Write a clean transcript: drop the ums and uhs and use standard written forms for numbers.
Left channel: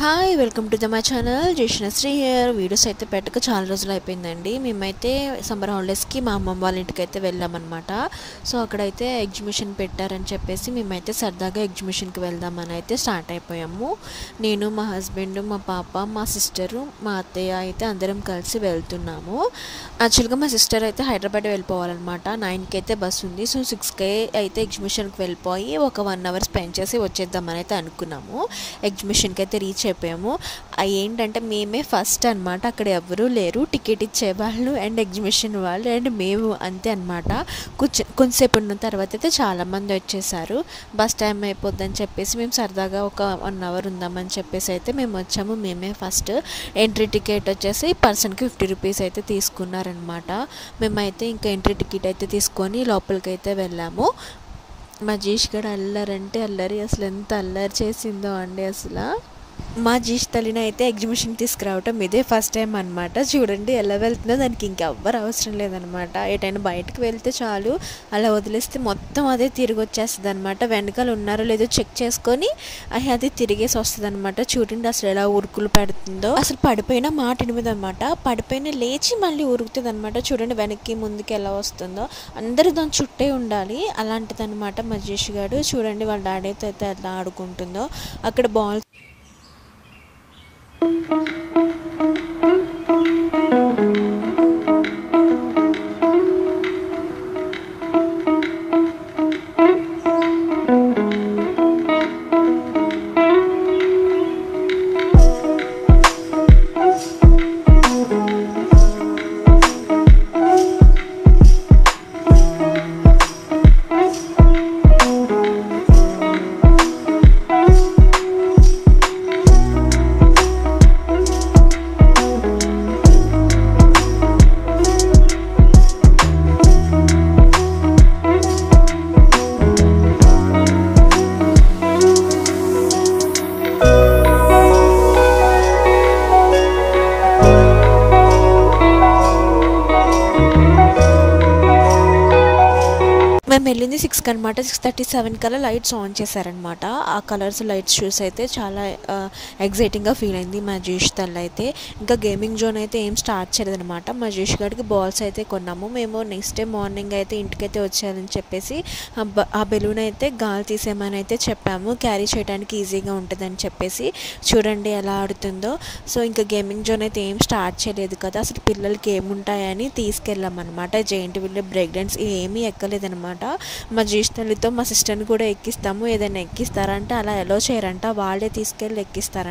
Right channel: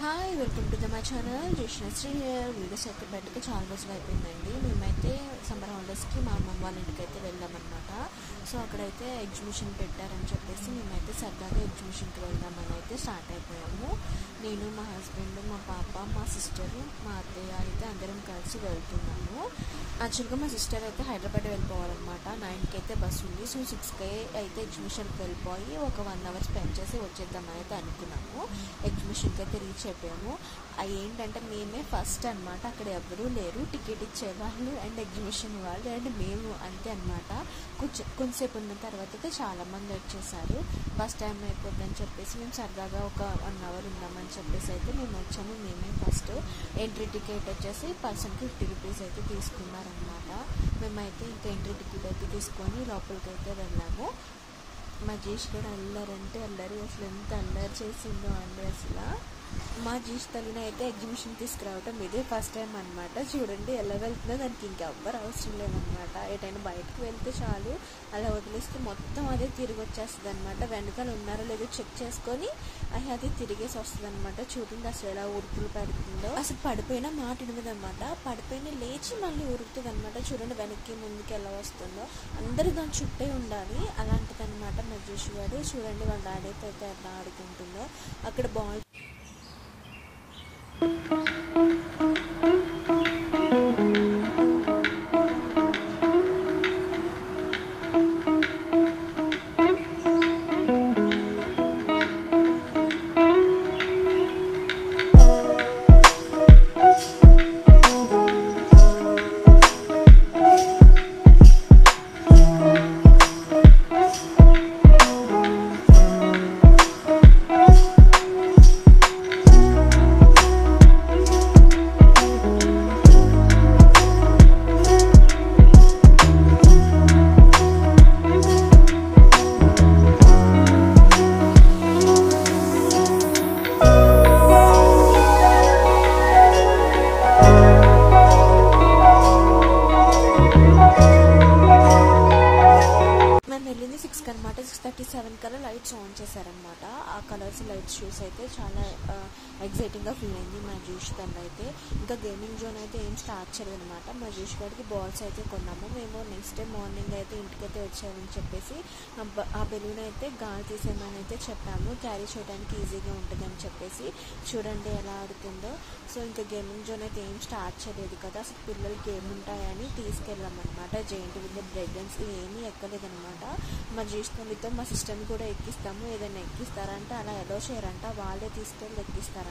Hi welcome to my channel Jayashree here. Videos అయితే పెట్టక చాలా రోజులు అయిపోయిందండి. మేమైతే సమ్మర్ హాలిడేస్కి మా అమ్మమ్మ వాళ్ళ ఇంటికి అయితే వెళ్ళామన్నమాట. సో అక్కడైతే ఎగ్జిబిషన్ పెట్టారని చెప్పేసి మేమైతే సరదాగా ఎగ్జిబిషన్కి వెళ్దామని అయితే స్టార్ట్ అయిపోయాము. నేను, మా హస్బెండ్, మా పాప, మా సిస్టరు, మా అత్తయ్య అయితే అందరం కలిసి వెళ్తున్నాము. యాక్చువల్గా మా సిస్టర్ అయితే హైదరాబాద్ వెళ్ళిపోవాలన్నమాట. 9కి అయితే బస్సు ఉంది. సో 6కి అయితే ఎగ్జిబిషన్కి వెళ్ళిపోయి ఒక 1 అవర్ స్పెండ్ చేసి వచ్చేద్దామని అయితే అనుకున్నాము. ఎగ్జిబిషన్కి అయితే రీచ్ అయిపోయాము. ఏంటంటే మేమే ఫస్ట్ అనమాట. అక్కడ ఎవరూ లేరు, టికెట్ ఇచ్చేవాళ్ళు అండ్ ఎగ్జిబిషన్ వాళ్ళు అండ్ మేము అంతే అనమాట. కొంచెంసేపు ఉన్న తర్వాత అయితే చాలామంది వచ్చేసారు. బస్ టైం అయిపోద్దని చెప్పేసి మేము సరదాగా ఒక 1 అవర్ ఉందామని చెప్పేసి అయితే మేము వచ్చాము. మేమే ఫస్ట్. ఎంట్రీ టికెట్ వచ్చేసి పర్సన్కి 50 రూపీస్ అయితే తీసుకున్నారనమాట. మేమైతే ఇంకా ఎంట్రీ టికెట్ అయితే తీసుకొని లోపలికి అయితే వెళ్ళాము. మా జీష్ గడ అల్లరంటే అల్లరి, అసలు ఎంత అల్లరి చేసిందో అండి. అసలు మా జీష్ తల్లిని అయితే ఎగ్జిబిషన్ తీసుకురావటం ఇదే ఫస్ట్ టైం అనమాట. చూడండి ఎలా వెళ్తుందో, దానికి ఇంకెవ్వరు అవసరం లేదనమాట. ఎటైనా బయటకు వెళ్తే చాలు, అలా వదిలేస్తే మొత్తం అదే తిరిగి వచ్చేస్తుంది అనమాట. వెనకాల ఉన్నారో లేదో చెక్ చేసుకొని అది తిరిగేసి వస్తుంది అనమాట. చూడండి అసలు ఎలా ఉరుకులు పెడుతుందో. అసలు పడిపోయినా మాట ఎనిమిది అనమాట. పడిపోయినా లేచి మళ్ళీ ఉరుకుతుంది అనమాట. చూడండి వెనక్కి ముందుకి ఎలా వస్తుందో. అందరూ దాని చుట్టే ఉండాలి, అలాంటిది అనమాట మా జీష్ గారు. చూడండి వాళ్ళ డాడీతో అయితే ఎలా ఆడుకుంటుందో. అక్కడ బాల్ మేము వెళ్ళింది 6కి అనమాట. 6:37 కల్లా లైట్స్ ఆన్ చేశారనమాట. ఆ కలర్స్ లైట్స్ చూసి అయితే చాలా ఎగ్జైటింగ్గా ఫీల్ అయింది మా జీష్ తల్లి అయితే. ఇంకా గేమింగ్ జోన్ అయితే ఏం స్టార్ట్ చేయలేదనమాట. మా జీష్ గారికి బాల్స్ అయితే కొన్నాము. మేము నెక్స్ట్ డే మార్నింగ్ అయితే ఇంటికైతే వచ్చారని చెప్పేసి ఆ బెలూన్ అయితే గాలి తీసేయమని అయితే చెప్పాము, క్యారీ చేయడానికి ఈజీగా ఉంటుందని చెప్పేసి. చూడండి ఎలా ఆడుతుందో. సో ఇంకా గేమింగ్ జోన్ అయితే ఏం స్టార్ట్ చేయలేదు కదా, అసలు పిల్లలకి ఏముంటాయని తీసుకెళ్ళామన్నమాట. జెయింట్ వీల్, బ్రేక్ డాన్స్ ఏమీ ఎక్కలేదనమాట. మా జీష్ తల్లితో మా సిస్టర్ని కూడా ఎక్కిస్తాము, ఏదైనా ఎక్కిస్తారంటే అలా ఎలో చేయరంట, వాళ్ళే తీసుకెళ్ళి ఎక్కిస్తారంట.